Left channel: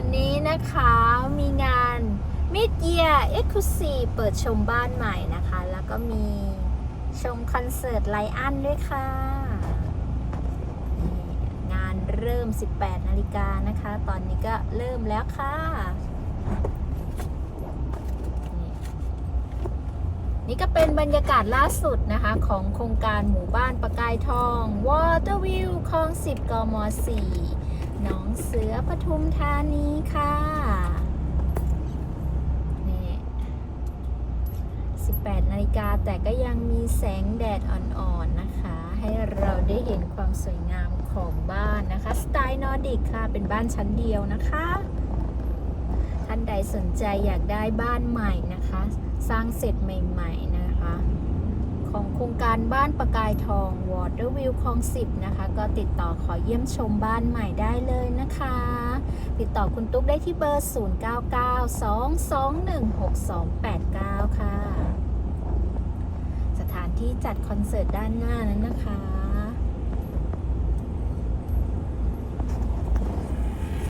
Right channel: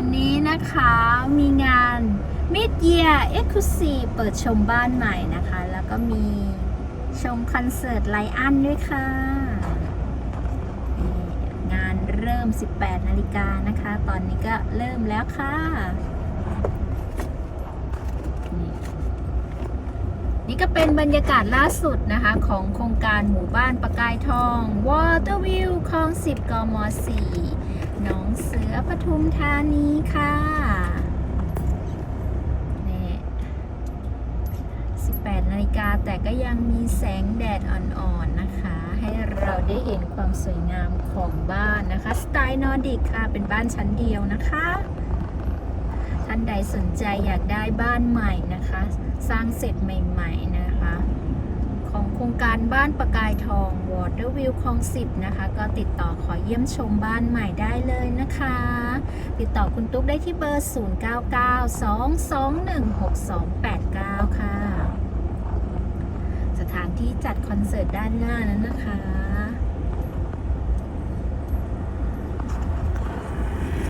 วันนี้นะคะมีงาน Mid Year Exclusive เปิดชมบ้านใหม่นะคะ แล้วก็มีชมคอนเสิร์ตไลอันด้วยค่ะ งานเริ่ม 18 นาฬิกานะคะ ตอนนี้ก็เริ่มแล้วค่ะ นี่นี่ก็เป็นบรรยากาศล่าสุดนะคะ ของโครงการหมู่บ้านประกายทอง Water View คลอง 10 กม 4หนองเสือปทุมธานีค่ะนี่ 18 นาฬิกา แต่ก็ยังมีแสงแดดอ่อนๆนะคะ ให้เราได้เห็นความสวยงามของบ้านนะคะ สไตล์นอร์ดิกค่ะ เป็นบ้านชั้นเดียวนะคะ ท่านใดสนใจอยากได้บ้านใหม่นะคะ สร้างเสร็จใหม่ๆนะคะ ของโครงการบ้านประกายทอง Water View คลอง10นะคะ ก็ติดต่อขอเยี่ยมชมบ้านใหม่ได้เลย ติดต่อคุณตุ๊กได้ที่เบอร์ 0992216289 ค่ะ สถานที่จัดคอนเสิร์ตด้านหน้านั้นนะคะ